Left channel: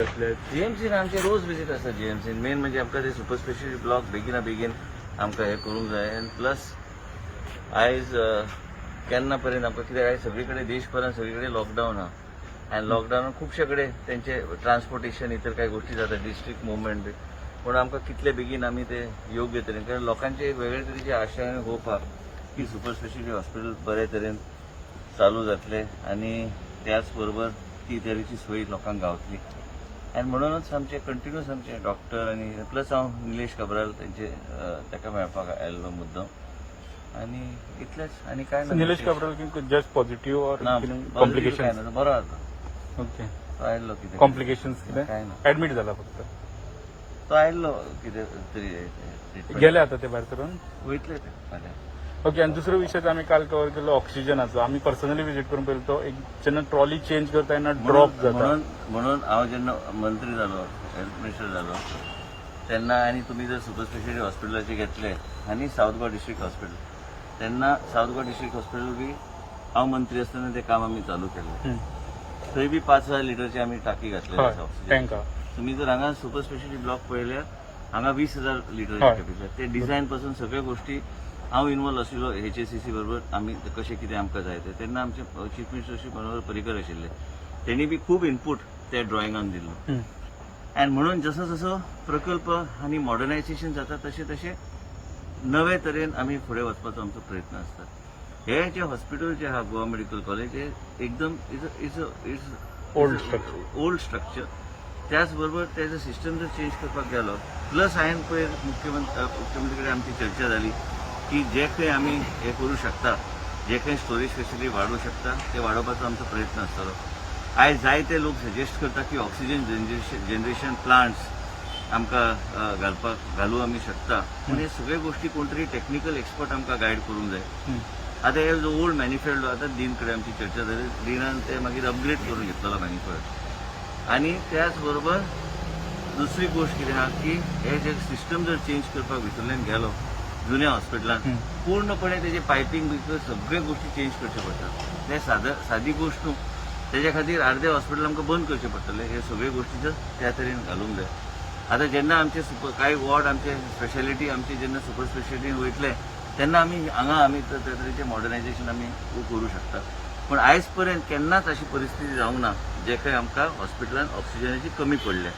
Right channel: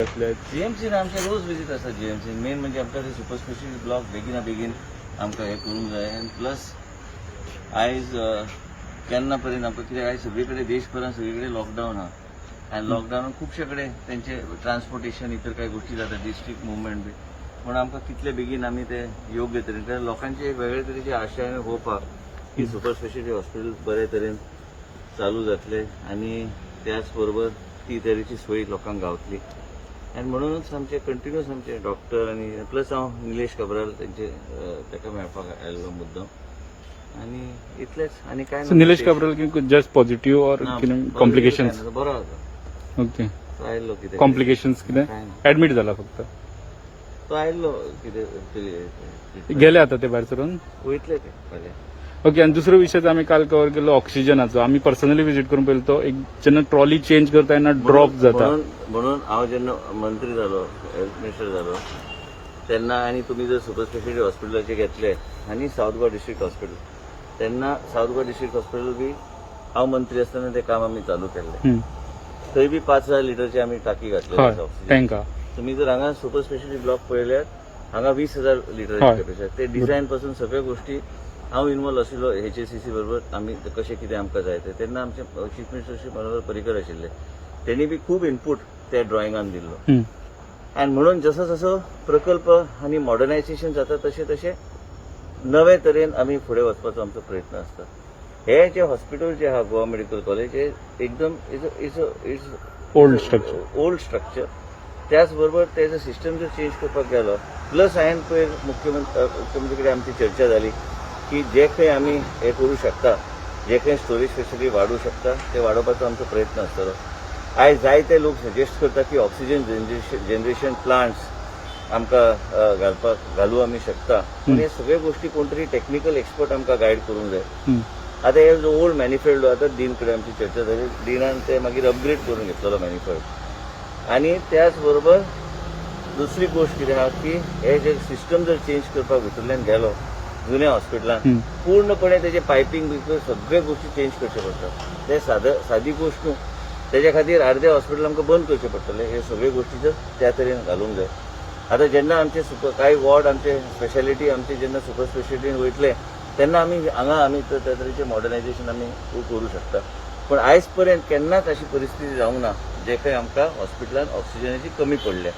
जीएमसीन आमचे रोज विजीट आसा जीएमसीन मेन म्हणजे आमकां ते सुपर स्पेशलिटी ब्लॉक बेगिना बेगीन आमकां हे करूंक जाय आनी प्लस आयज केन्ना पर्यंत आमकां कित्याक आयज सगळे कडेन देशभरात सगळे कडेन लॉकडावन आहा आनी लॉकडावनान खुबशे कडेन तेंचे ट्रान्सपोर्टेशन इतर कांय गोष्टी जाता डिस्ट्रिक्ट मुवमेंट बी पूण आमकां कितले बेगीन आमी ते योग्य तरेन कारण लोकांची एक वेगळे तरेची आशा आनी होप आहा की सुपर स्पेशलिटी हॉस्पिटल बरे तरेन चालू जातले आनी त्याच बरोबर ती तरेची सोय लोकांक गावतली आनी म्हणूनच आमचे कंटिन्यूस आमचे डॉक्टर आनी प्लस हांव निलेश काब्राल तेंचे ताका मेळपाक आयल्लो मुद्दम आनी इतलेच आनी काय ना निलेश काब्राल जस्ट पॉझिटिव्ह और कॉम्प्लिकेशन्स बरो आसा ओके तो आयल्लो कितें कॉम्प्लिकेशन्स कितें काय ना ऍडमिट जाला फक्त तो आयल्लो कितें तरी गेले आता ते भायर सरून वयतले ते फाल्यां ओके आणि दुसरो विषय आम्ही काल कव्हर केलो ऑक्सिजनाचो आम्ही पर्सनली विजीट करून पळयलो तो एक जेन्ना ट्रॉली चेंज करता तेन्ना ड्रॉप जाता म्हणून हांव जेन्ना मंत्री जालो हेल्थ मिनिस्टर जालो तेन्ना आनी तुमी जर सुपर स्पेशलिटी हॉस्पिटलाचे घेतले आनी सावथ गोवा डिस्ट्रिक्ट हॉस्पिटल तेन्ना सावथ गोवा डिस्ट्रिक्ट हॉस्पिटल बी हांव मंत्री आसतना ते काम आमी चालू केल्ले थंय बी 5000 लिटरची आमी टाकी घातलेली आसा ऑक्सिजन तुम्ही जर हांगा सुपर स्पेशलिटी ब्लॉक पळयल्यार हांगा 20,000 लिटराची कॅपॅसिटी ते डिझायन पासून सगळ्या गोष्टी हांव इन्वॉल्व आशिल्लो HACC बरोबर आमी कशें कितें आमकां जाय तें तेन्ना आमचे चीफ मिनिस्टर श्री मनोहर पर्रीकर आशिल्ले तेणी बी खूब इनपूट त्या ड्रॉइंगान दिल्लो आनी म्हणून जसो जसो प्रकल्प आनी मॉडर्नायझेशन जाता तशें तशें नवे तरेन आमी फुडें वचपाचो आमचो प्रयत्न आसता हे जे हॉस्पिटल जे आहा गोवा मेडिकल कॉलेज हे एकदम इज ओल्ड स्ट्रक्चर त्याच बरोबर तेजो सिस्टम जर चेंज करपाक गेलो प्लस हांवें पयर मुख्यमंत्री कडेन आमची चर्चा जाली की जे खंय आमी हे करू शकता जे खंय स्टोरेज फेसिलिटी वाडूं शकता ते वाडोवपाचो आमचो प्रयत्न आसतलो आयज जायते लोक सजेस्ट करता की ऑक्सिजन जनरेशन प्लांट्स आमकां घालूं आमी शकता पूण हे सगळे गोष्टी कोण तरी टेक्निकल एक्सपर्ट आमकां गायड करूंक जाय आतां हे जो ओल्ड मॅनिफेस्टो आतां डीन कडेन आमची चर्चा जाली डीनान ते मागीर अपग्रेड करून घेतलेलो मॅनिफेस्टो आनी त्याच बरोबर दुसरी गोष्ट कितें आहा की हे जे सिस्टम जर चेंज करपाक भितरल्यान गेलो जुन्या हॉस्पिटलान पूर्णपणे त्याचे पायपींग बी सगळे गोष्टी चेंज करचे पडटात ते सादी गोष्ट न्हू तेज्या खातीर अर्दे हॉस्पिटल आमकां बंद करचे पडटले हे सगळे गोष्टी जर त्या तरेन घालूंक जाय आतां जेन्ना आमचे कांय वॉर्ड आमचे स्पेशालिटी आमचे जेन्ना सुपर स्पेशालिटीन वयतले तेन्ना आमी हांगा आमी त्या तरेचे मॉडर्नायझेशन आमी करूं शकता पूण आयज पर्यंत केन्नाच अशी परिस्थिती जावंक ना जे खंय आमकां हॉस्पिटलान ऑक्सिजनाची कमी पडल्या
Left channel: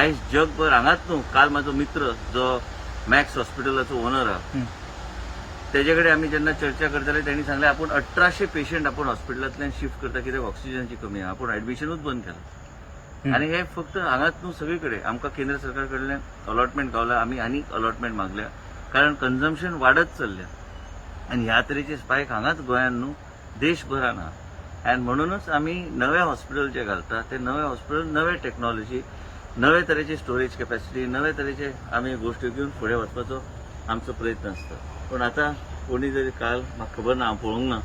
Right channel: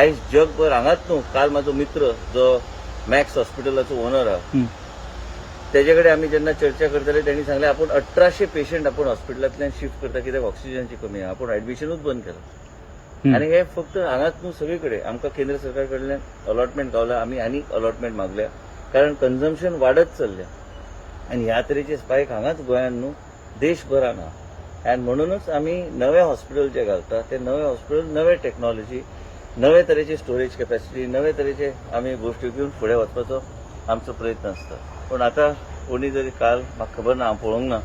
आयज जगभर हांगाच न्हू काल म्हाजो मित्र जो मॅक्स हॉस्पिटलाचो ओनर आहा तेजे कडेन आमी जेन्ना चर्चा करताले तेणी सांगलें आपूण 1800 पेशंट आपूण हॉस्पिटलांतल्यान शिफ्ट करता कित्याक ऑक्सिजनाची कमी आहा आपूण एडमिशनूच बंद केलां आनी हे फक्त हांगाच न्हू सगळे कडेन आमकां केंद्र सरकार कडल्यान अलॉटमेंट गावल्या आमी आनीक अलॉटमेंट मागल्या कारण कन्झम्पशन वाडत चल्ल्या आनी ह्या तरेचे स्पायक हांगाच गोंयान न्हू देशभरान आहा आनी म्हणूनच आमी नवे हॉस्पिटल जे घालता ते नवे हॉस्पिटल नवे टेक्नॉलॉजी नवे तरेची स्टोरेज कॅपॅसिटी नवे तरेचे आमी गोश्टी घेवन फुडें वचपाचो आमचो प्रयत्न आसता पूण आतां कोणी जरी काल म्हाका खबर ना हांव पळोवंक ना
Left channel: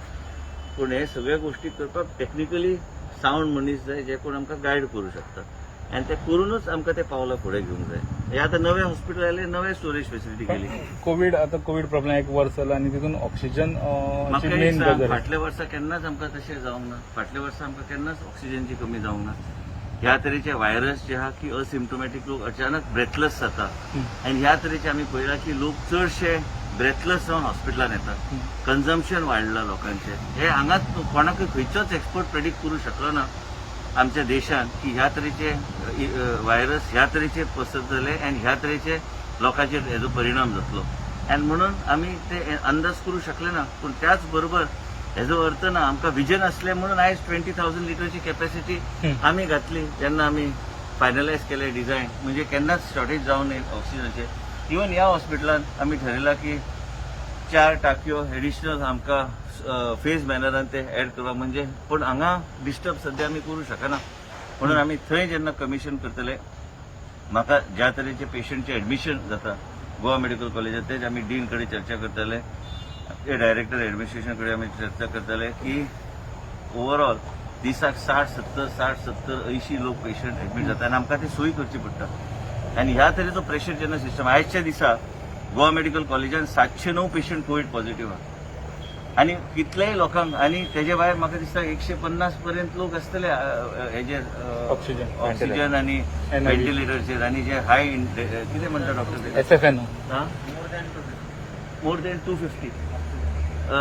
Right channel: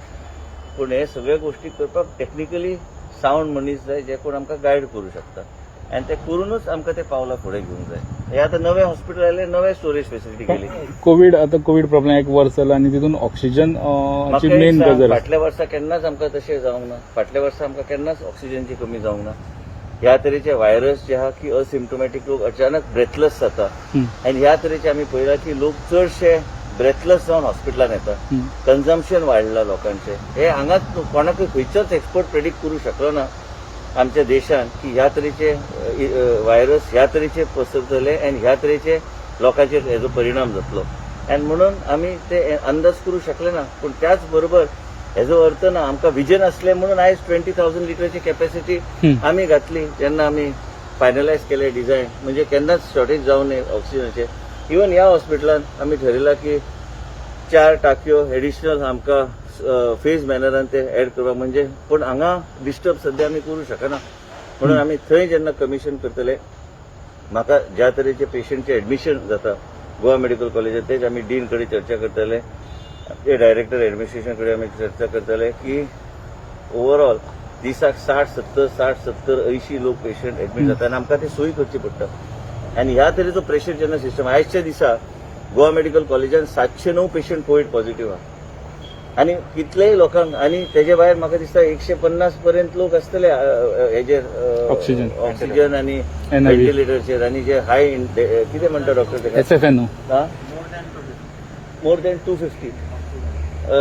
पूण हे सगळे गोश्टी करपाक टेक्निकली सावंड मनीस जाय जे कोण आमकां गायड करूं शकता आनी ते करूनच आमकां ते पावलां फुडें घेवंक जाय हे आतां नवे हॉस्पिटल आयले नवे स्टोरेज फेसिलिटी केली कोविड प्रॉब्लेम एक वर्स जाला आनी तितून ऑक्सिजन फाटल्या वर्सा केन्नाच आमकां तशें जावंक ना फाटल्या वर्सा आमकां केन्नाच ऑक्सिजनची कमी जावंक ना ह्या तरेचे व्हायरस जे आहा की असिम्टोमॅटीक लोक अचानक ब्रेथलेस जाता आनी ह्या तरेचे आमी पळयला की लोक चडशे ब्रेथलेस जावन हॉस्पिटलान येता कन्झम्पशन वाडला लोकांचे हे हांगाच कोणाकय खंयचोच एक्सपर्ट प्रेडिक्ट करूं शकलो ना आमच्या देशान की ह्या तरेचे व्हायरस ह्या तरेचे पसरतले आनी ह्या तरेचे लोकांचेर हेजो परिणाम जातलो आनी म्हणून आमी ते अंदाज करूं शकले ना पूण त्याच बरोबर हेजो अर्थ ना आमकां विजन असलें म्हणून आयज 20,000 लिटरची कॅपॅसिटी आमी घातली जेन्ना आमी फायनलायज केले डिझायन म्हणजे केन्नाच शॉर्टेज जावं नये ऑक्सिजनाचे इवन ह्या हॉस्पिटलान आमी ठरयलां की 4 टाकयो एडिशनल आमकां फेज मॅनरान ते एड करपाक म्हणजे पूण हांगा डिस्टर्ब सध्या आमी करूं शकना म्हणून आमी थंय जेन्ना कमिशन करतले म्हाका ज्या तरेचे पेशंटचे एडमिशन जाता गोवा मेडिकल कॉलेजात तेच आमी डीन कडेन चर्चा करतले ते डायरेक्टर एडमिनिस्ट्रेशन कडेन आमी चर्चा करतले की ओवरऑल दिसाक 60-70 लोक पेशंट एडमीट जाता आनी आमकां ते सोयी करची पडटा आनी ह्या तरेचो प्रेशर जेन्ना सिस्टम आयजच्या दिसा गोवा मेडिकल कॉलेजान 709 पेशंट कोविड पॉझिटिव्ह आहा आणि कितलेय लोकांक आणि तेजे भायर म्हाका दिसता 150 पर्यंत लोक आसतले हेजेर ऑक्सिजन. ऑक्सिजन आणि NIV. व्हेंटिलेटरचेर आणि जे हाय कितें म्हणटा डॉक्टर तेका SFNO. More than 250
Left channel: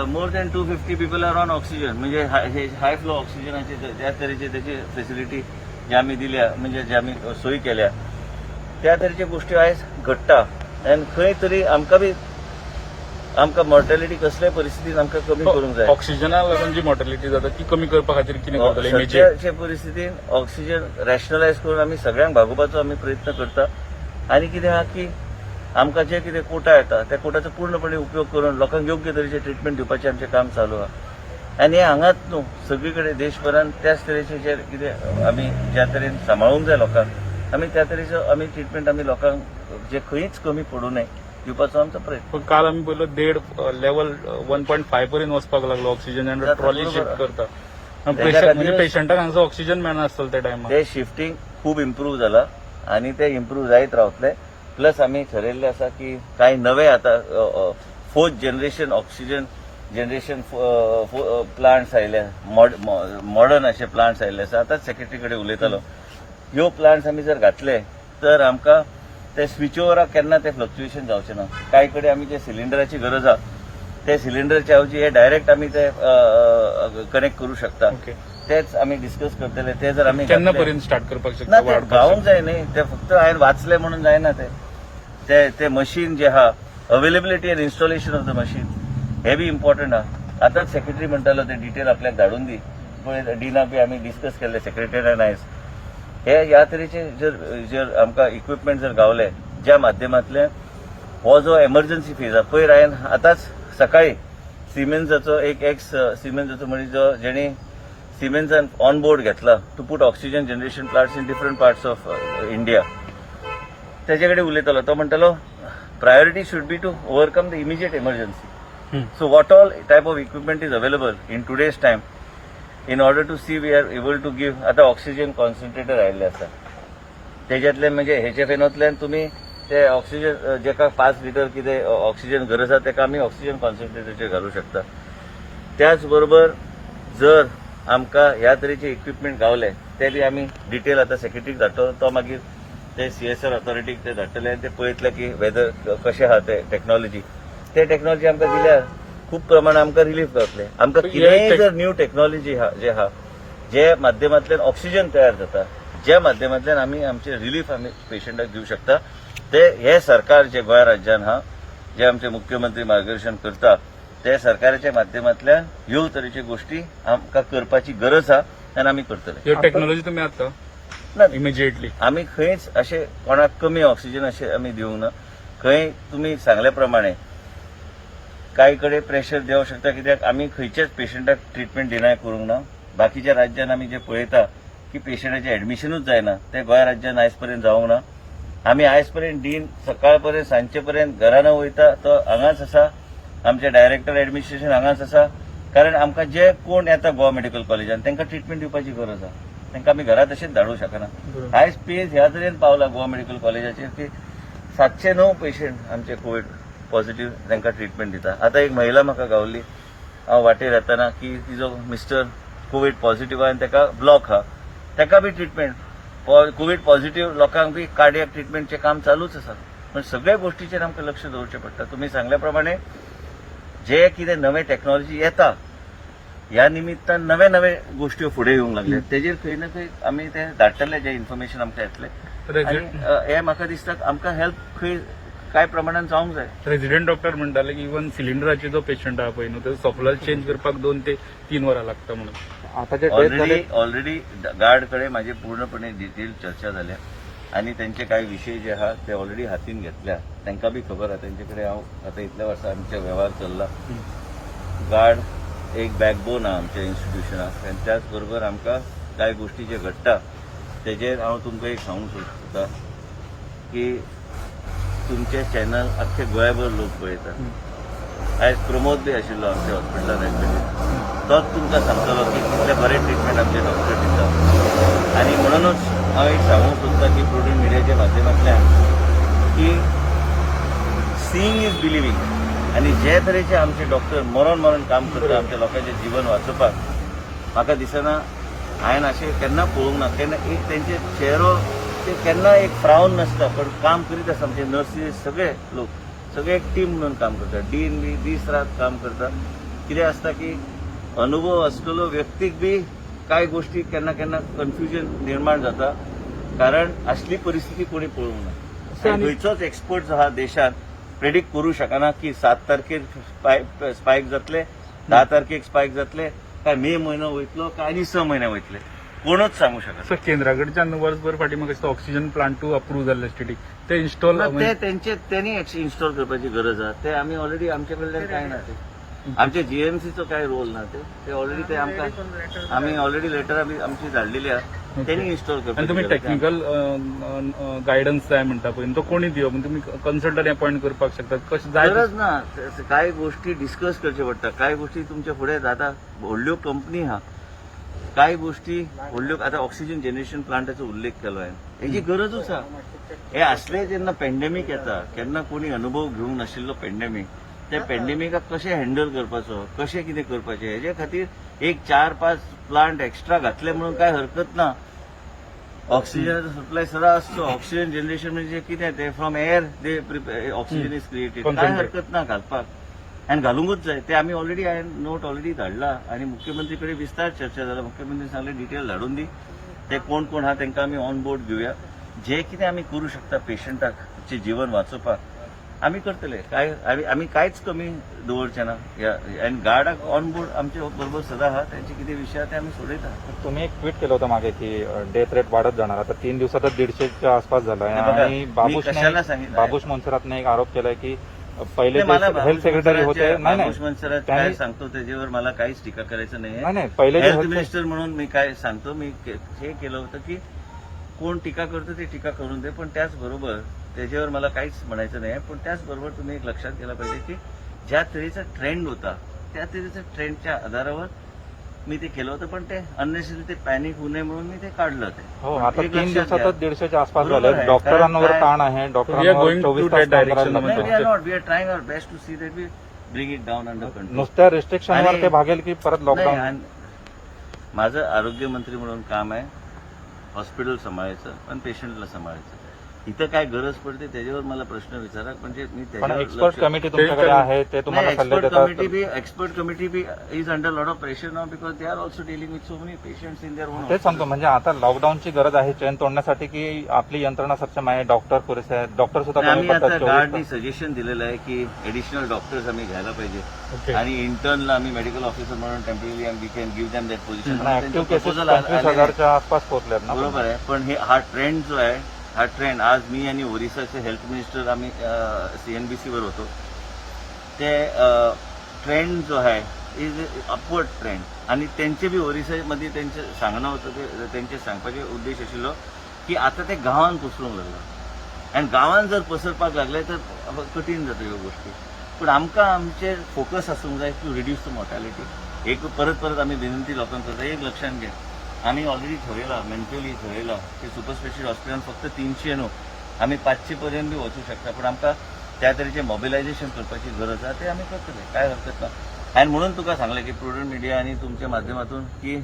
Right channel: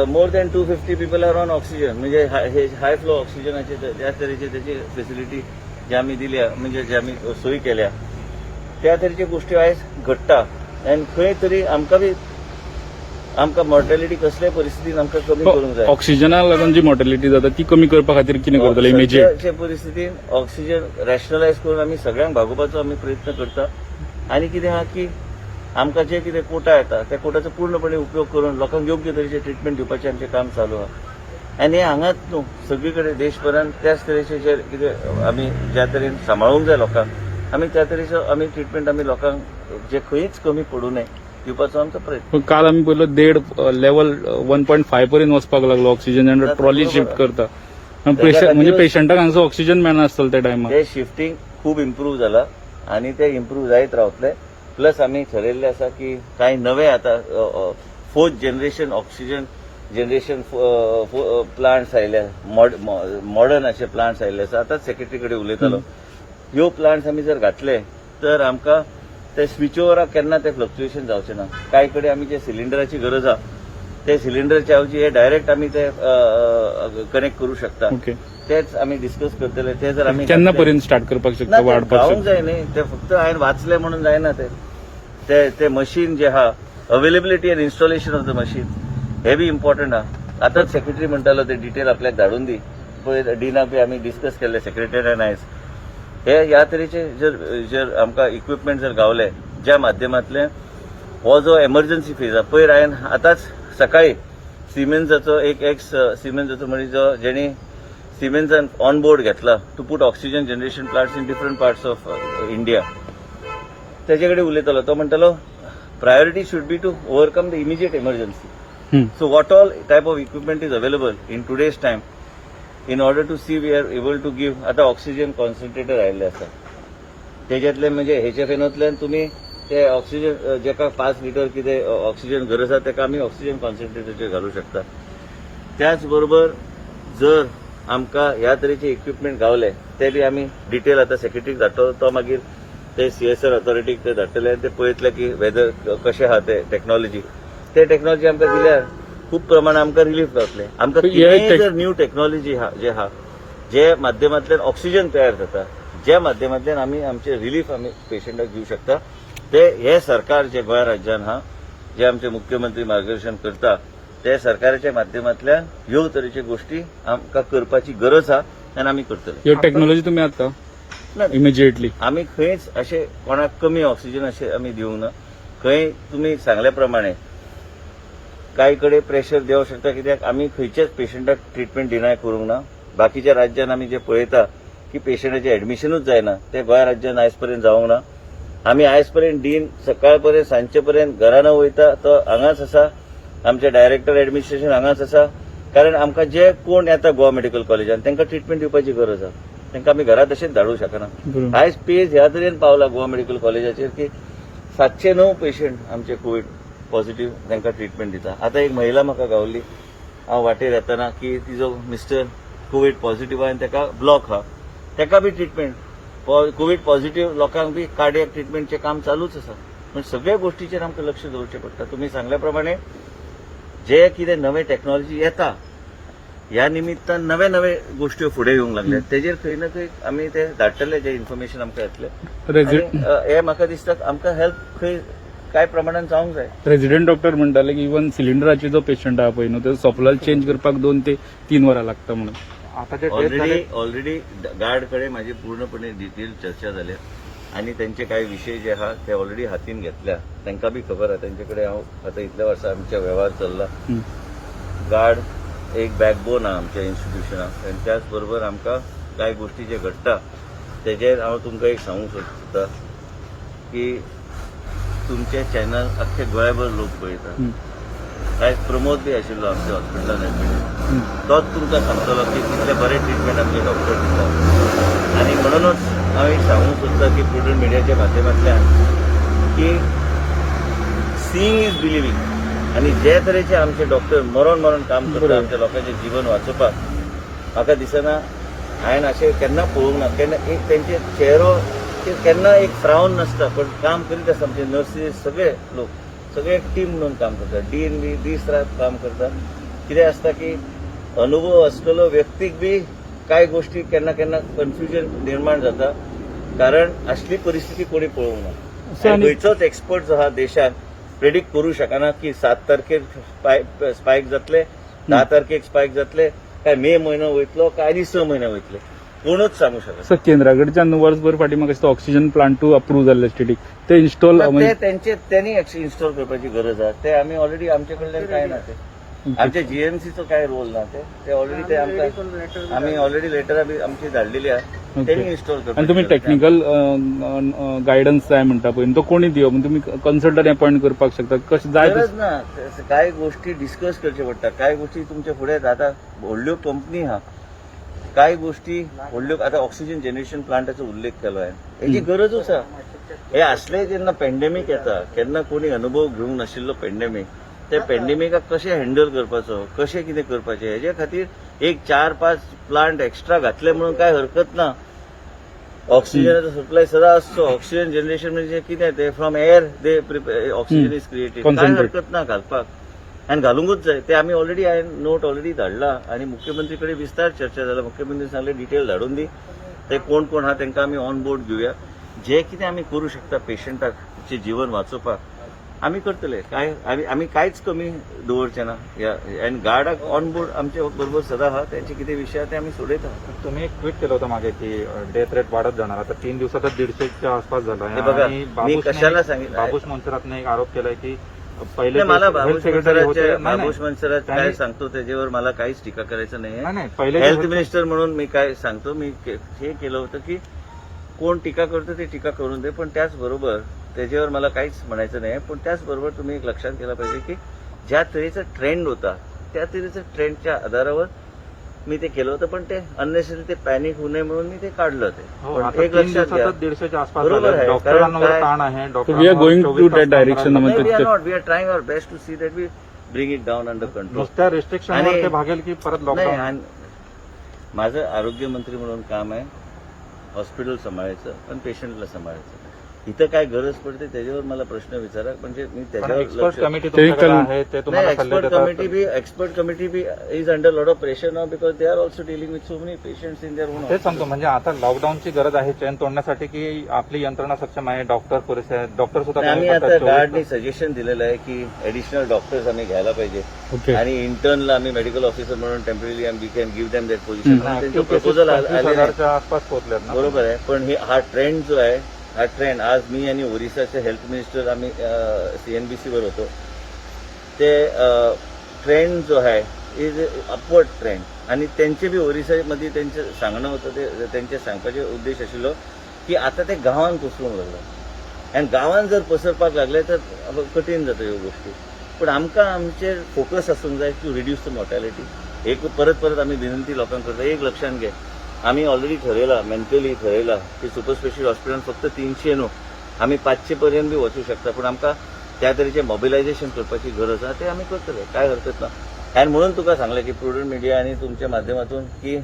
more than 250 people are on oxygen म्हणजे हाय फ्लो ऑक्सिजनाचे त्या तरेचे त्याची फेसिलिटी जे आम्ही दिल्या म्हणजे जे आम्ही सोयी केल्या त्या तरेची गोष्टी आयज घडटा आनी खंय तरी आमकां मॉर्टॅलिटी कसल्याय परिस्थितीन आमकां कमी करूंक जाय. ऑक्सिजनाक लागून जी मॉर्टॅलिटी जाता ती कमी करपा खातीर कितें करतले इमिजिएट? सध्याच्या परिस्थितीन ऑक्सिजन रॅशनलायज करून आमी सगळ्यांक भागोवपाचो आमी प्रयत्न करता आनी कितें आहा की आमकां जे कितें कोटा येता त्या कोटाचो पूर्णपणे उपयोग करून लोकांक योग्य तरेचे ट्रिटमेंट दिवपाचें आमचें काम चालू आहा आनी हें हांगाच न्हू सगळी कडेन देशभरान त्याच तरेचे जे कितें आमी ज्या तरेन सांबाळूंक जाय लोकांक आमी त्या तरेचो आमी ट्रिटमेंट आमी लोकांक जे खंयच कमी पडूं नये दिवपाचो आमचो प्रयत्न. काल आमी पयलो 1.5 लेवल 1.5 पर्यंत वचपाक लागलो ऑक्सिजन आनी ट्रॉली शिफ्ट करता म्हणजे पेशंटाक हांगासर ऑक्सिजन मेळनासतलें त्या टायमार. ते शिफ्टिंग खूब इम्प्रूव जाला आनी ते इम्प्रूव जायत रावतले. प्लस आमी ठरयल्लें आसा की कांय नवे आतां 4th generation oxygen generation plants आयल्या मॉडर्न अशे प्लांट्स आयिल्ले आसा. आतांच सेक्रेटरी कडेन उलयतालो. ह्यो प्लांट्स आमी जर घातले तर आमकां ते स्विच ओवराक केन्ना ते फ्लक्च्युएशन जावचें ना. कांय कडेन आमी जे सिलिंडराची गरज आहा ते सिलिंडरचे ऐवजी हे डायरेक्ट आमी ते कनेक्ट करू शकता. तेच आमी डिस्कस करतले. ते जर आमी केन्ना पर्यंत स्टार्ट करपाक ना शकता ते वाडपाक गावूंक जाय न्ही. ते फक्त हांवें वाचलें म्हणून जायना ते मशीन जे आहा availability and installation of the machine हे बी इम्पॉर्टंट आहा. आतांच सेक्रेटरी म्हणटालो ते डिटेल आपल्याक धाडून दी पळय डीना बी आमी डिस्कस केले सेक्रेटरी एंड आयज हे ह्या तरेचे जर आमकां इक्विपमेंट जर गावले ज्या माध्यमांतल्यान हो जो एमर्जन्सी फेज आहा पयर हांवें आतांच सकाळी सिमेन्साचो एक एक्स सिमेन्साचो मनीस जो जेणी सिमेन्सान ऑन बोर्ड घेतला to put oxygen generation plants in different parts of India तेजे कडेन उलयतालो. तो म्हणटालो priority should be to overcome the immediate emergency. So what all type of equipment is available in today's time in order to see we are able to give. आतां oxygen concentrator आयिल्ले आसा तेज्यातल्यान म्हणजे हेचे फेनोतल्यान तुमी ते ऑक्सिजन जेका 5 litre कितें oxygen गरज आसा तेका आमी ऑक्सिजन कॉन्सन्ट्रेटरचेर घालूं शकता. त्याच बरोबर जर आमकां ह्या तरेचे इक्विपमेंट गावले ते बी आमी डिटेल आतां सेक्रेटरीक धाडटलो. तो मागीर ते CSR ऑथॉरिटीक ते धाडटले ते पळयतले की वेदर कशें आहा ते टेक्नॉलॉजी आमकां दिल्यार खूब प्रमाणात आमकां रिलीफ मेळटलें. आमकां कितेंय जर न्यू टेक्नॉलॉजी जे आहा जे माध्यमांतल्यान ऑक्सिजन तयार जाता ज्या माध्यमांतल्यान आमी आमचे रिलीफ आमी पेशंटाक दिवं शकता ते हे सरकार जे गोंय राज्यान आहा जे आमचे मुख्यमंत्री मार्गदर्शन करता ते सरकाराच्या माध्यमांतल्यान ह्यो तरेच्यो गोष्टी आमकां करपाची गरज आहा आनी आमी करतले. ह्यो टेक्नॉलॉजी तुमी आता ना इमिजिएटली आमी खंयच अशें कोणाक कमी ऑक्सिजन अशें आमी दिवंक ना. खंय तुमी सांगल्या प्रमाणे कांय कडेन प्रेशर देवंक शकता कित्याक आमी खंयच्याच पेशंटाक ट्रिटमेंट डिनाय करूंक ना. बाकीच्या राज्यान आमी जे पळयता की पेशंटाचें एडमिशनूच जायना ते गोंय राज्यान आयज पर्यंत जावंक ना. आमी आयज पर्यंत डीन सकाळ पर्यंत सांजचे पर्यंत घरा न वयता तो हांगाच आसा. आमचे डायरेक्टर एडमिनिस्ट्रेशन हांगाच आसा कारण आमकां जे कोण येता गोवा मेडिकल कॉलेजान तांकां ट्रिटमेंट दिवपाची गरज आहा. तांकां आमी घरा तशेंच धाडूंक शकना. आयज पेज ह्या तरेन पावला गोवा मेडिकल कॉलेजाचेर की 709 पेशंट आमचे कोविड पॉझिटिव्ह तांकां ट्रिटमेंट दिता. आतां एक महिला म्हाका गावल्ली हांव वाटेर येताना की तिजो मिस्टर कोविड पॉझिटिव्ह आनी ताका ब्लॉक आहा ताका बी ट्रिटमेंट कोविड पॉझिटिव्ह लोकांक बी कार्डियक ट्रिटमेंटचें काम चालूच आसा. म्हणजे सगळ्या गोष्टीचेर आमकां लक्ष दवरचें पडटा. तुमी सांगल्या प्रमाणे जे कितें नवे टेक्नॉलॉजी येता ह्या निमित्तान नवे नवे गोष्टी फुडें येवंक लागल्यात तेजेर खंय ना खंय आमी ते धाडटले जे इन्फॉर्मेशन आमकां येतलें आनी हे म्हाका दिसता आमकां हेल्प खंय कांय प्रमाणान जावंक जाय. रेजिडेंट डॉक्टर म्हणटाले की इवन सिलिंडराचे जो पेशंट आहा पळय न्हू तो सप्लाय चेंज करपाक 2 ते 3 वरां लागता म्हणून. ऑलरेडी गार्ड कडेन म्हाजी पूर्णपणे डिटेल चर्चा जाल्या आनी तेंचे कांय विशय जे आहा ते ऑलरेडी हातीन घेतल्या. तांकां बी खबर आहा तेंचे कडेन हांव आतां इतल्या वर्सां आमचे वेव्हार चल्ला. गार्ड एक बॅकबोन आहा आमच्या इन्स्टिट्यूशनाक आनी त्याच बरोबर आमकां कांय गोष्टी जे घडटा तेजेर हांव तुमकां एक सांगूंक सोदता की तुमचे चॅनल आख्खे गोंयभर लोक पळयतात. आयज प्रमोद बी आशिल्लो आमच्या हॉस्पिटलान एडमिटेड तोच तुमकां सांगतलो की कितले बरे ट्रिटमेंट आमचे डॉक्टर दिता. आनी म्हणूनच हांव एक सांगूंक सोदता की प्रुडंट मिडियाच्या माध्यमांतल्यान की सीइंग इज बिलिव्हिंग आणि जे तरेचे आमचे डॉक्टर मरण काम करता आमच्या लोकांचे जीवन वाचोवपाक म्हाका दिसना हांवें अशें केन्ना पळोवंक ना केन्ना एक तेंचे चेहरो केन्ना एक फ्रावन नासता पण काम करीत आसता आमचे नर्सीस सगळे लोक सगळे एक टीम म्हणून काम करतात डीन बी दीस रात काम करतात कितें आसता की अनुभव आसलेलो व्यक्तीक बी कांय गोष्टी केन्ना केन्ना कन्फ्युजन निर्माण जाता कारण असली परिस्थिती कोणी पळोवंक ना आणि गोंयचोच एक्सपर्ट जो आहा देशात प्रेडिक्ट करू शकना की 7 तारखेर स्पायक जातले 10 तारखेक स्पायक जातले काय मे म्हयनो वयतलो काय आनी 6 म्हयने वयतले कोणूच सांगू शकना सर केंद्राकडच्यान वर्सभर फाटीं म्हाका ऑक्सिजन प्लांट अप्रूव्ह जाल्लो स्टेटीक ते इन्स्टॉल त्यांनी इन्स्टॉल करपाची गरज आहा ते आमी ऑलरेडी आमचे कडल्यान काय ना ते आमच्या जीएमसीचो काय रोल ना ते ऑलरेडी ते आमकां आमी ऑलरेडी लेटर आमची धाडलेली आहा त्यांनी इन्स्टॉल आणि तुम्ही करपाची टेक्निकल गायडन्स जाय म्हणटा पळय तो कोणी दिवप म्हणजे तुम्ही कन्सल्टंट अपॉइंट करपाक शकता कशें जाय गरज ना काय गोष्टी डिस्कस करचे पडटा काय गोष्टी तुमच्या फुडें आता व्हडल्यो कंपनी आहा काय गोष्टी व्हडल्यो आता ऑक्सिजन जनरेशन प्लांटाचो उल्लेख केलो हांवें हेची गरजूच आहा हे असले जेन्ना पॅन्डेमीक येता केन्ना कोणी अनुभव घेवंक नाशिल्लो पॅन्डेमीक ते पॅन्डेमिकाक कशें हँडल करपाचो कशें कितें करपाचें हेजे खातीर एक 4-5 प्लांट एक्स्ट्रा घातले म्हणून काय हरकत ना ऑक्सिजनाचो सप्लाय सदां आसचो ऑक्सिजन जनरेशन म्हणजे कितें ते from air they oxygen is created काय हरकत ना घालपाक आनी घालूंकूच जाय ते आमी ऑलरेडी हांवें नोट ऑलरेडी धाडला आनी मुख्यमंत्री कडेन विस्तार चर्चा जाला मुख्यमंत्री सांगले डिटेल धाडून दी ते कोण कोण आहा तांकां आमी ऑन बोर्ड घेवया जे कितें आमी करूं शकता पेशंटाचे जीवन वाचोवपाक आमी करतले काय आमी कांयच कमी दवरचे ना आनी गार्डाक ऑन बोर्ड आमचे बरोबर सदां आहा त्यांचे कितें विशय आहा ते आमी सोडयता तुम्ही एक ट्विट केलं होतं मागे की डेथ रेट वाढत जाणार आता 3 दिवसातच 150च्या आसपास झाला हे बघा, मी कशाला सांगितलं? बाबूश मनसरातने एक आरोप केलाय की पहिले नाही, मला health बाबूश secretary होते. मनसरात नाही, बाबूश मनसरात काय त्यांनी- सांगतो त्याच्यावर मला काहीच टीका करायचं नाहीये नाही, पहिले हेल्थ मिनिस्टर म्हणून मी काय सांगतो मी हे केलं होतं की कोण टीका करतो ते टीका करून दे पण त्याचबरोबर त्याच्यावर मला काहीच म्हणायचं नाही पण त्याचबरोबर तुम्ही एक लक्षात केलं पाहिजे की ज्या तऱ्हेचा ट्रेंड होता त्या तऱ्हेच्या ट्रेंडच्या आधारावर मी ते केलं होतं पण ते अननेसेसरी ते पॅनिक होऊ नये म्हणून मी ते काढलं ते हो, पण आता एक 3 लक्षात घ्या दिवसातच 150च्या आसपास बरोबर झालंय. आहे, डॉक्टरांवर कारण ताण आहे we are डॉक्टरांवर going to 24 तास that काम direction. करायला नाही वी आर लागतं. Not we are trying our best to see that we bring it down under control नुसत्या रेस्ट्रिक्शन आणि- ते भागेल की परत नाही लॉकडाऊन आणि माझं आरोग्यमंत्री म्हणून काम आहे हॉस्पिटल सांभाळायचं पण पेशंटला सांभाळायचं इथं काय गरज पडते त्याच्यावर मला प्रश्न विचारा म्हणजे मी त्याच्यावर एक्सपर्ट लक्ष कमिटी ते तुमच्याकडे कल- आहे ते नाही तुम्हाला एक्सपर्ट सल्ले committee be is under lot of pressure now because they are also dealing with so many patients in their own देतात. तेच सांगतो म्हणजे आता लॉकडाऊनची गरज आहे चेन तोडण्यासाठी की आपली यंत्रणा सक्षम आहे डॉक्टर पुरेसे आहेत डॉक्टर सुद्धा आम्ही कमी आता पडतात. गार्डनी सजेशन दिलेलं आहे की ऍडिशनल डॉक्टर्स आम्ही घ्यायला पाहिजे ओके आणि इंटर्नला आम्ही मेडिकल ऑफिसर म्हणून temporary we can give them that position म्हणून त्यांचं Active cases प्रपोजल 25 आले नाही हजारच्या आसपास पोहोचले आहेत ना. बरोबर आहे पण हा ट्रेंड जो आहे हा ट्रेंड आज मी आणि ओरिसाचे हेल्थ मिनिस्टर आम्ही सीएनबीसीवर होतो ते ट्रेंड जो आहे इज अपवर्ड ट्रेंड आणि त्यांचे बी ओरिसामध्ये त्यांचं सांगणं होतं ते त्यांचे सांगपाचे उद्देश आशिल्लो की आता ते गांवांत पसरूंक लागला आनी गांवांत जर पसरपाक लागले तर कठीण जाता ह्यो गोष्टी पूण आमकां आमचेर फोकस आसूंक जाय टू रिड्यूस द मॉर्टॅलिटी एक परत आमी विनंती लोकांक करता एक लक्षात घे आम्ही ऑलरेडी ठरयला मेंटली ठरयला की सुपर स्पेशल हॉस्पिटल फक्त 300 न्हू आम्ही 500 पर्यंत बी वचूं शकता पण आमकां त्या तरेचें मोबिलायझेशन करपाची गरज आहा ते आमी करतले काय हरकत ना आनी म्हणून तुका सांगलें की प्रुडंट मिडिया आनी तुमच्या माध्यमातून की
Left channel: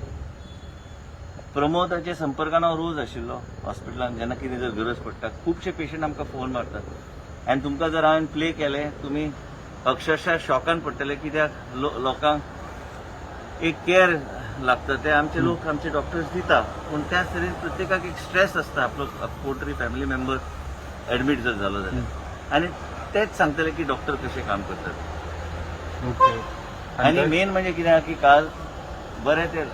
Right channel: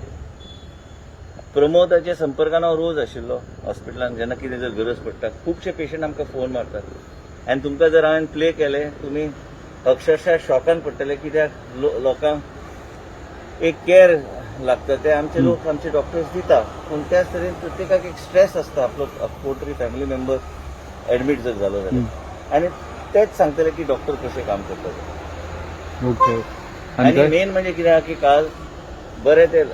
प्रमोदाच्या संपर्कान हांव रोज आशिल्लो हॉस्पिटलांत जेन्ना कितें जर गरज पडटा खुबशे पेशंट आमकां फोन मारतात आनी तुमकां जर हांवें प्ले केलें तुमी अक्षरशः शॉकान पडटले कित्याक लोकांक एक केअर लागतं ते आमचे लोक आमचे डॉक्टर्स दिता पण त्याच तरेन प्रत्येकाक एक स्ट्रेस आसता आपलो कोणतरी फॅमिली मेंबर ऍडमीट जर जालो जाल्यार आनी तेच सांगतले की डॉक्टर कशें काम करता ते ओके आनी मेन म्हणजे कितें आहा की काल बरें ते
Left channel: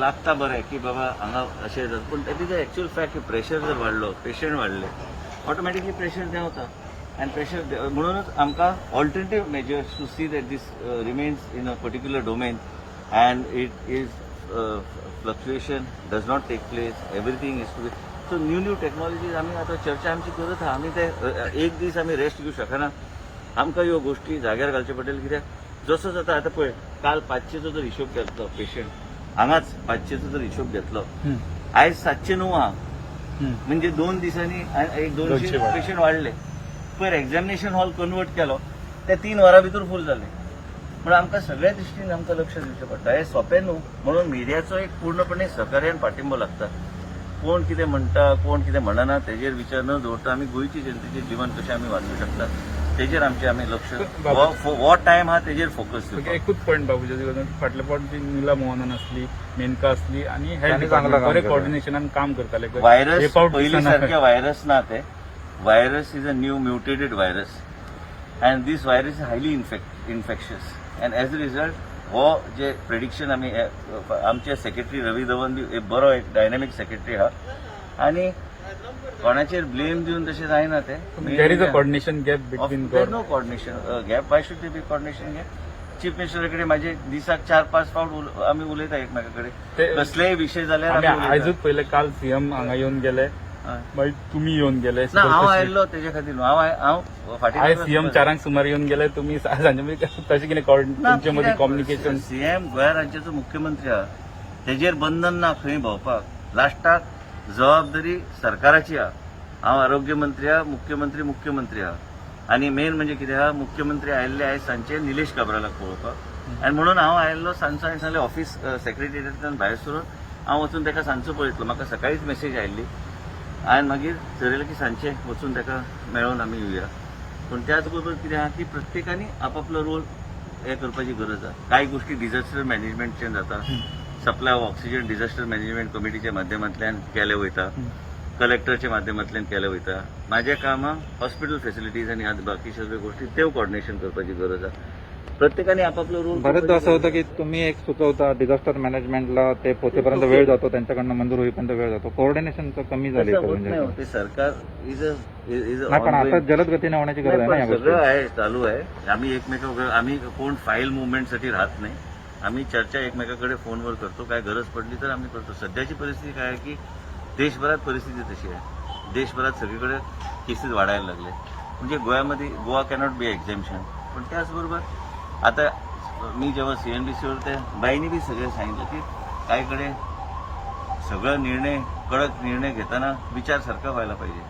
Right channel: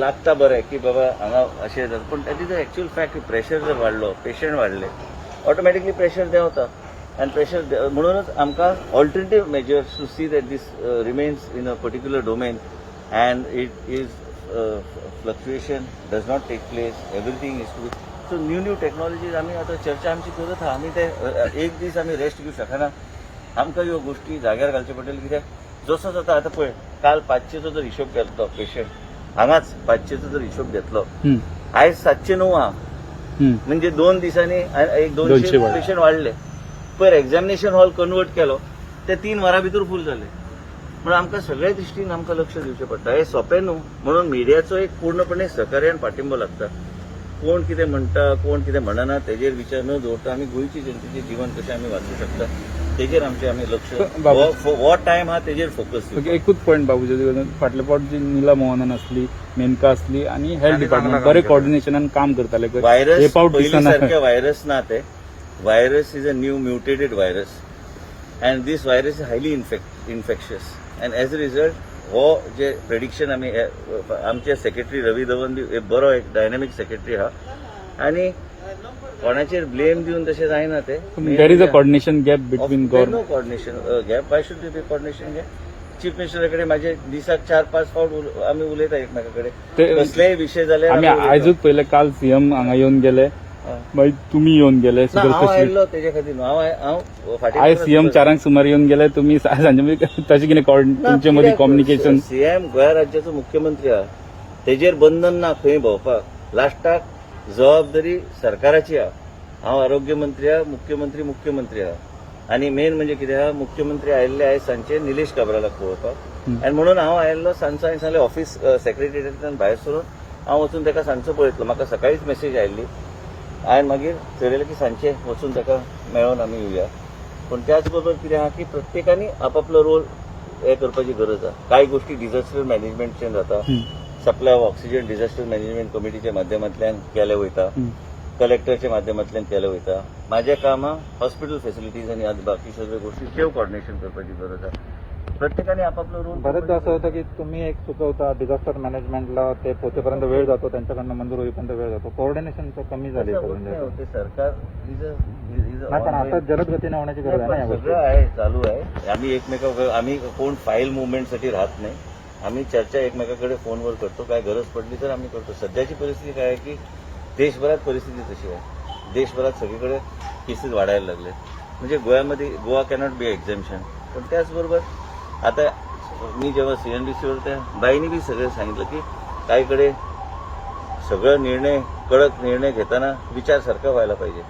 लागता बरें की बाबा हांगा अशें जाता पूण that is the actual fact की प्रेशर जर वाडलो पेशंट वाडले ऑटोमॅटिकली प्रेशर देंवता आनी प्रेशर म्हणूनच आमकां alternative measures to see that this remains in a particular domain and it is fluctuation does not take place everything is to be so new technologies आम्ही आता चर्चा आमची करत आहा आम्ही ते एक दीस आम्ही रेस्ट घेऊ शकना आमकां ह्यो गोष्टी जाग्यार घालचे पडटले कित्याक जसो जाता आतां पळय काल 500चो जर हिशोब घेतलो पेशंट हांगाच 500चो जर हिशोब घेतलो आयज 709 आहा म्हणजे 2 दिसांनी एक 200 200 पेशंट वाडले पयर एक्झामिनेशन हॉल कन्वर्ट केलो ते 3 वरां भितर फूल जाले. म्हणून आमकां सगळ्या दृश्टीन आमकां लक्ष दिवचें पडटा. हें सोंपें न्हू, म्हणून मिडियाचो एक पूर्णपणे सहकार्यान पाठिंबो लागता. कोण कितें म्हणटा कोण कितें म्हणना तेजेर विचार न दवरता आमी गोंयची जनतेचें जीवन कशें आमी वाचूं शकता तेजेर आमी लक्ष हो टायम हा तेजेर फोकस दिवप. एकूच पॉयंट बाबूजी, फाटले फावट जी नीला मोहनन आसली, मेनका आसली आणि हेल्थ डिपार्टमेंट बरे कोऑर्डिनेशनान काम करताले. व्हायरस पयलीं सारके व्हायरस ना ते. Virus is a new mutated virus and this virus is highly infectious and as a result हो जे प्रेडिक्शन आमचे सेक्रेटरी रवी धवन बी बरो एक डायनामीक सेक्रेटरी हा आणि कोणाचेर ब्लेम दिवन तशें जायना ते. There is a coordination gap between no coordination gap. Why should be coordination gap? Chief मिनिस्टरा कडेन म्हाजे दिसाक 4-5 फावट आमी उलयता एकमेका कडेन कसलेय विशय जाल्यार आमी उलयता. आयजूच पयले काल सीएम हांगा येवन गेले, मागीर तुमी येवन गेले. ना हांव आयिल्लो तेजे खातीर न्हू. हांव फाटीं आयज सीएम 4 सुमार येवन गेले, तुमी सांजे तशें कितें तुमचे मदीं कम्युनिकेशन? सीएम गोंय राज्याचो मुख्यमंत्री आहा, तेजेर बंधन ना खंय भोंवपाक. लास्टाक जबाबदारी सरकाराची आहा. हांव आरोग्य मंत्री आहा, मुख्यमंत्री आहा आणि मेन म्हणजे कितें आहा, मुख्यमंत्री आयिल्ले आयज सांजचे निलेश काब्रालाक पळोवपाक आनी म्हणून हांव आयिल्लो सांजचो. हांवें सांगलें ऑफिस सेक्रेटरिएटांतल्यान भायर सरून हांव वचून ताका सांजचो पळयतलो. म्हाका सकाळीच मेसेज आयिल्ली. हांवें मागीर ठरयलें की सांजचे वचून ताका मेळोन आमी येवया. पूण त्याच बरोबर कितें आहा की प्रत्येकानी आपापलो रोल हे करपाची गरज आहा. कांय गोष्टी डिझास्टर मॅनेजमेंटच्यान जाता. Supply of oxygen disaster management कमिटीच्या माध्यमांतल्यान केलें वयता, कलेक्टरच्या माध्यमांतल्यान केलें वयता. म्हाजें काम आहा हॉस्पिटल फेसिलिटीज आनी बाकी सगळ्यो गोष्टी त्यो कोऑर्डिनेशन करपाची गरज आहा. प्रत्येकाने आपापलो रोल. बऱ्याचदा असं होतं की तुम्ही एक सुचवता डिझास्टर मॅनेजमेंटला ते पोहोचेपर्यंत वेळ जातो, त्यांच्याकडनं मंजूर होईपर्यंत वेळ जातो, कोऑर्डिनेशनचं कमी झालं. होत नाही होते. सरकार इज अ पण आता जलद गतीने होण्याची गरज आहे ना. सगळं आहे, चालू आहे. आम्ही कोण फाईल मुवमेंटसाठी राहत नाही. आम्ही चर्चा एकमेकाकडे फोनवर करतो. काय गरज पडली तर आम्ही करतो. सध्याची परिस्थिती काय आहे की देशभरात परिस्थिती तशी आहे. देशभरात सगळीकडे केसेस वाढायला लागले. म्हणजे गोवा कॅनॉट बी एक्झॅम्पशन. पण त्याचबरोबर आता मी जेव्हा सीएनबीसीवर त्या बाईंनी बी सगळं सांगितलं की काहीकडे सगळं निर्णय कडक निर्णय घेताना विचार सारखा व्हायला पाहिजे.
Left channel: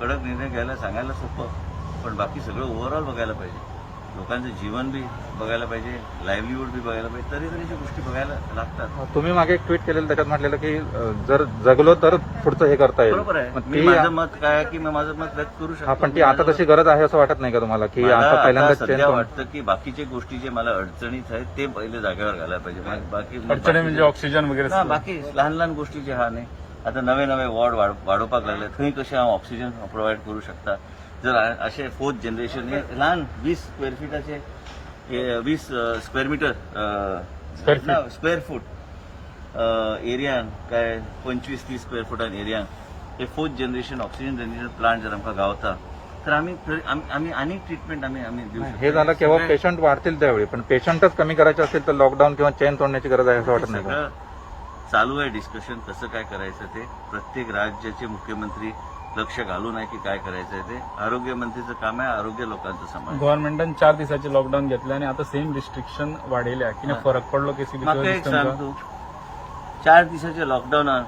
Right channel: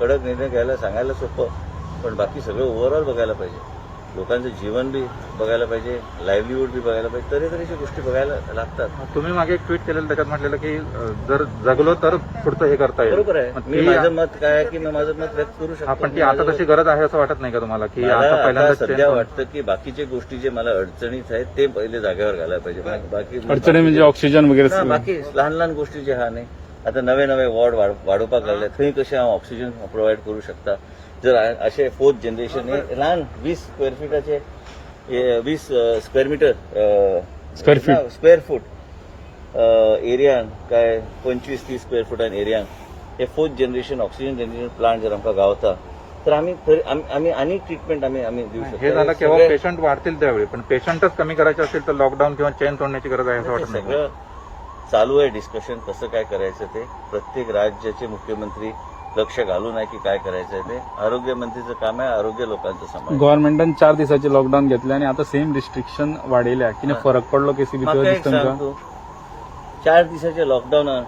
कडक निर्णय घ्यायला सांगायला सोपं, पण बाकी सगळं ओव्हरऑल बघायला पाहिजे. लोकांचं जीवन बी बघायला पाहिजे, लाईव्हलीहूड बी बघायला पाहिजे. तऱ्हेतऱ्हेच्या गोष्टी बघायला लागतात. तुम्ही मागे एक ट्विट केलेलं त्याच्यात म्हटलेलं की जर जगलो तर पुढचं हे करता येईल. बरोबर आहे. मी माझं मत काय आहे की मी माझं मत व्यक्त करू शकतो. पण ती आता तशी गरज आहे असं वाटत नाही का तुम्हाला? की मला आता सध्या वाटतं की बाकीच्या गोष्टी जे मला अडचणीत आहेत ते पहिले जागेवर घालायला पाहिजे. बाकी म्हणजे ऑक्सिजन वगैरे ना, बाकी लहान लहान गोष्टी जे हा नाही. आता नवे वॉर्ड वाढोवपाक लागले. थंय कशें हांव ऑक्सिजन प्रोवायड करू शकता. जर असे 4th जनरेशन हे लहान 20 स्क्वेअर फीटाचे 20 स्क्वेअर मीटर स्क्वेअर फूट एरियान काय 25-30 स्क्वेअर फुटान एरियान हे 4th generation oxygen generation plant जर आमकां गावता तर आम्ही आनी ट्रीटमेंट आम्ही देऊ हे झालं शकतो. केव्हा पेशंट वाढतील त्यावेळी, पण पेशंटच कमी करायचे असेल तर लॉकडाऊन किंवा चेन तोडण्याची गरज आहे असं वाटत नाही. सगळं चालू आहे डिस्कशन कसं काय करायचं ते. प्रत्येक राज्याचे मुख्यमंत्री लक्ष घालून आहे की काय करायचं आहे ते. आरोग्य मंत्रीचं काम आहे आरोग्य लोकांचं सांभाळ. गव्हर्नमेंटान 4 दिसाचे लॉकडाऊन घेतले आणि आता सेम रिस्ट्रिक्शन वाडयल्या. किती फरक पडलो केसी म्हाका एक सांग तूं, 4 दिसाच्या लॉकडाऊनान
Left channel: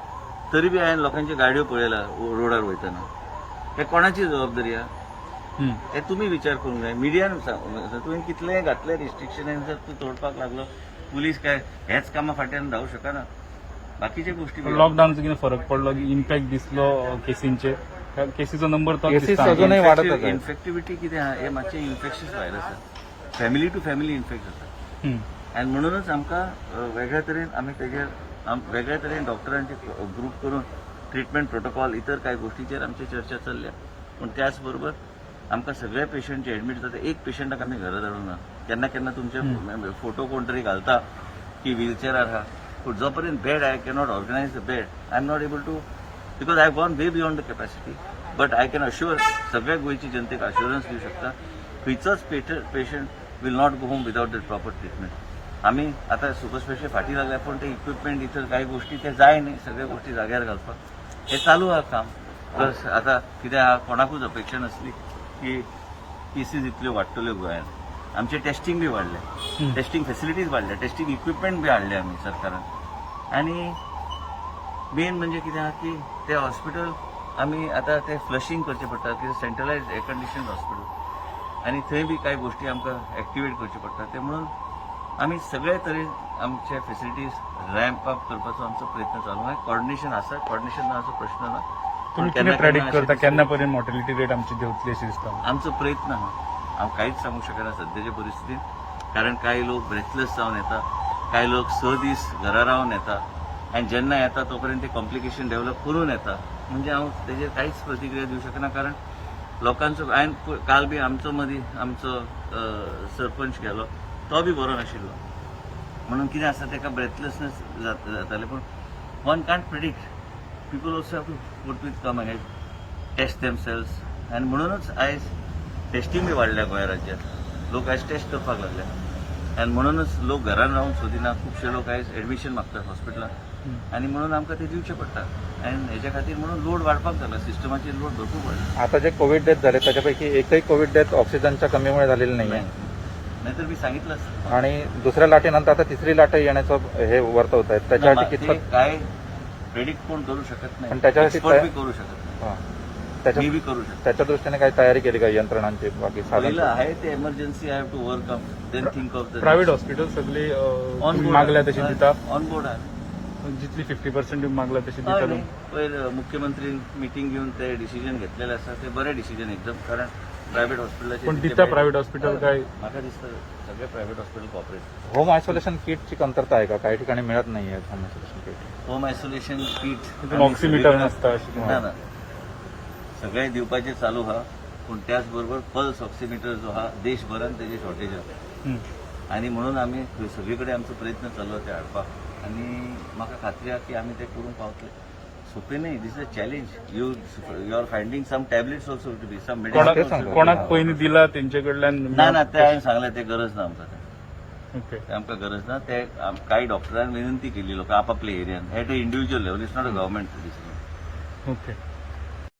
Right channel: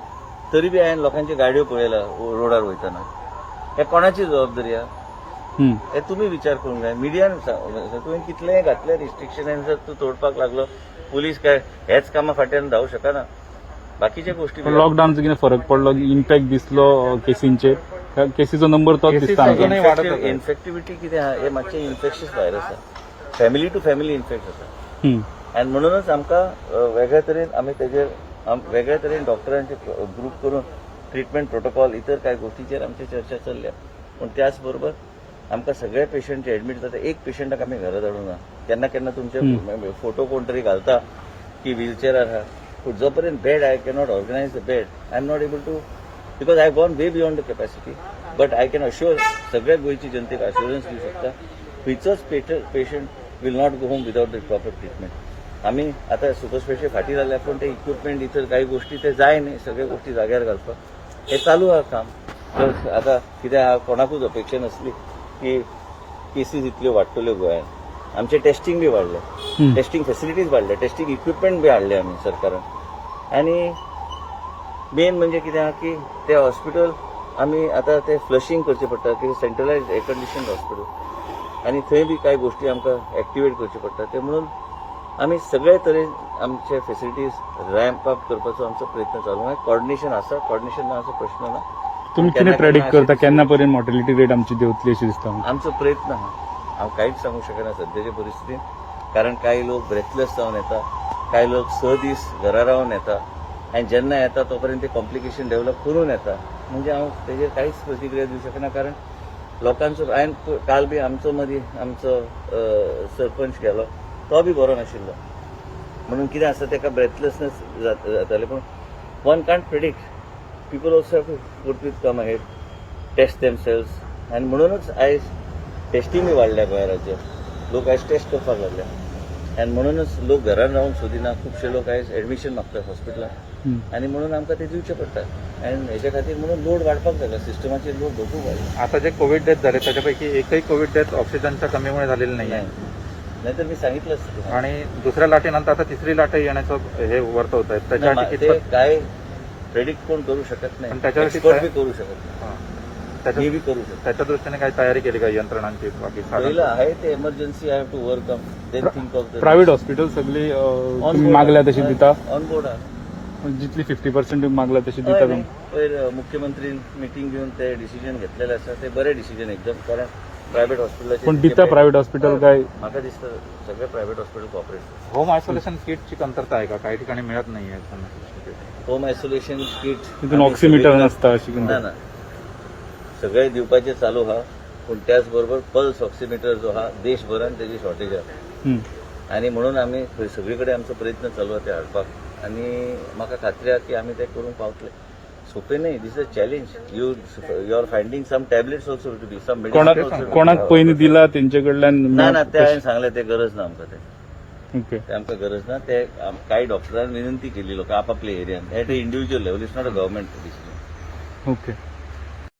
तरी बी हांवें लोकांच्यो गाडयो पळयल्या रोडार वयताना. हे कोणाची जबाबदारी आहा हे तुमी विचार करूंक जाय. मिडियान तुवें कितलेंय घातलें रिस्ट्रिक्शन जर तूं तोडपाक लागलो पुलीस काय हेच कामां फाटल्यान धांवू शकना. बाकीच्या गोष्टी लॉकडाऊनचा किती फरक पडलो, इम्पॅक्ट दिसलो केसींचेर. केसीचो नंबर तो इन्फेक्टिव्हिटी कितें आहा हे मातशें इन्फेक्शियस व्हायरस आहा. फॅमिली टू फॅमिली इन्फेक्ट जाता. आनी म्हणूनच आमकां वेगळ्या तरेन आमी तेजेर वेगळ्या तरेन डॉक्टरांचे ग्रुप करून ट्रिटमेंट प्रोटोकॉल इतर कांय गोष्टीचेर आमची चर्चा चल्ल्या. पण त्याच बरोबर आमकां सगळे पेशंट जे एडमीट जाता एक पेशंटाक आमी घरा धाडूंक ना. केन्ना केन्ना तुमचे फोटो कोण तरी घालता की व्हीलचेरार आहा. पण जोपर्यंत bed I cannot organise the bed I am not able to because I gone way beyond the capacity. But I can assure सगळ्या गोंयची जनतेक अश्युरन्स दिवं शकता खंयचोच patient will not go home without the proper treatment. आमी आता super special फाटी लागल्या पण ते इक्विपमेंट इतर काही गोष्टी ते जाय न्ही. सगळ्या गोष्टी जाग्यार घालपाक हे चालू आहा काम. तर आता कितें आहा कोणाकूच अपेक्षा नासली की केसीस इतल्यो वाडटल्यो गोंयांत. आमचे टेस्टिंग बी वाडले, टेस्टिंग फेसिलिटीज वाडल्या, टेस्टिंग इक्विपमेंट बी हाडले आमी सरकारान. आनी मेन म्हणजे कितें आहा की ते हॉस्पिटल आमी आतां ते फ्लशिंग करचें पडटा कितें सेंट्रलायज एअर कंडिशन हॉस्पिटल. आनी थंय बी कांय गोश्टी आमकां एक्टिवेट करच्यो पडटा ते म्हणून आमी सगळे तरेन आमचे फेसिलिटीज रॅम्प अप करपाचो आमचो प्रयत्न चालू आसा. कॉर्डिनेशन आसा, कॉर्डिनेशन ना असो प्रश्न ना. तुम्ही केन्ना कितें प्रेडिक्ट केन्ना करता अशें केन्ना पर्यंत मॉर्टेलिटी रेट आमची देंवतली अशी दिसता म्हाका. आमचो प्रयत्न आहा. हांव कांयच सांगू शकना सद्याच्या परिस्थितीन, कारण काही लोक ब्रेथलेस जावन येता, काही लोक 6 दीस घरा रावन येता आनी जेन्ना येता तोपर्यंत ते कॉम्प्लिकेशन डेव्हलप करून येता. म्हणजे हांव तेजेर कांयच प्रतिक्रिया दिवं शकना, कारण लोकांचो हांवें काल बी आमचो मदीं आमचो सरपंच गेलो, तो बी बरो नाशिल्लो. म्हणून कितें आसा तेका ब्रेथलेसनेस जाताले. पूण one can't predict. People also have to put with come ahead, test themselves. आनी म्हणूनच आयज टेस्टिंग बी वाडल्या गोंय राज्यांत. लोक आयज टेस्ट करपाक लागले आनी म्हणूनच लोक घरान रावन सोदिना. खुबशे लोक आयज एडमिशन मागतात हॉस्पिटलांत आनी म्हणून आमकां ते दिवचे पडटा. आनी हेच्या खातीर म्हणून लोड वाडपाक लागला, सिस्टमाचेर लोड भरपूर वाडला. आता जे कोविड डेथ झाले त्याच्यापैकी एकही कोविड डेथ ऑक्सिजनच्या कमीमुळे झालेली नाही नाही, नाहीतर मी सांगितलंच तुम्हाला. आणि दुसऱ्या लाटेनंतर आता तिसरी लाट येण्याचं हे वर्तवत आहेत नाही, त्याच्यासाठी ते काय प्रेडिक्ट कोण करू शकत पण नाही, त्याच्यावरती एक्सपर्ट बी काय- करू शकत नाही, त्याच्या- मी बी करू शकतो. त्याच्या दृष्टीने काही तयारी केली का यंत्रणांची बाकी पहिलं आहे ते emergency I have to work up, then think of the private hospital सगळी ऑन मागल्या तशी दिता, बोर्ड. ऑन बोर्ड आहे. जितली 50% मागल्या तशी हय दिता. न्ही, पयर मुख्यमंत्री मिटींग घेवन ते डिसिजन घेतलेले आसा, ते बरे डिसिजन एकदम. कारण प्रायव्हेट हॉस्पिटलाचे पण दिता प्रायव्हेट हॉस्पिटल काय म्हाका दिसता सगळे private hospital corporate. Home isolation किटची कमतरता आहे का? काही ठिकाणी मिळत नाहीये. होम आयसोलेशन किट ऑक्सिमीटर नसता अशी ना ना सगळे दिवपाचे चालू आहा. पूण त्याच बरोबर पल्स ऑक्सिमीटर जो आहा देशभरान तेजी शॉर्टेज आहा. हम्म. आणि म्हणून आम्ही सगळी कडेन आमचो प्रयत्न चालू आहा ते हाडपाक. आणि म्हाका खात्री आहा की आमी ते करूंक पावतले. सोपें न्ही, this is a challenge. You are finding some tablets also to be, some medicine कोणाक पयलीं दिला तेंचे कडल्यान ना ते हांवें सांगलें ते गरज ना आमकां. ओके. ते आमकां गरज ना. ते कांय डॉक्टरांनी विनंती केली लोकां आपापल्या एरियान. At a individual level, it's not a government decision. Okay.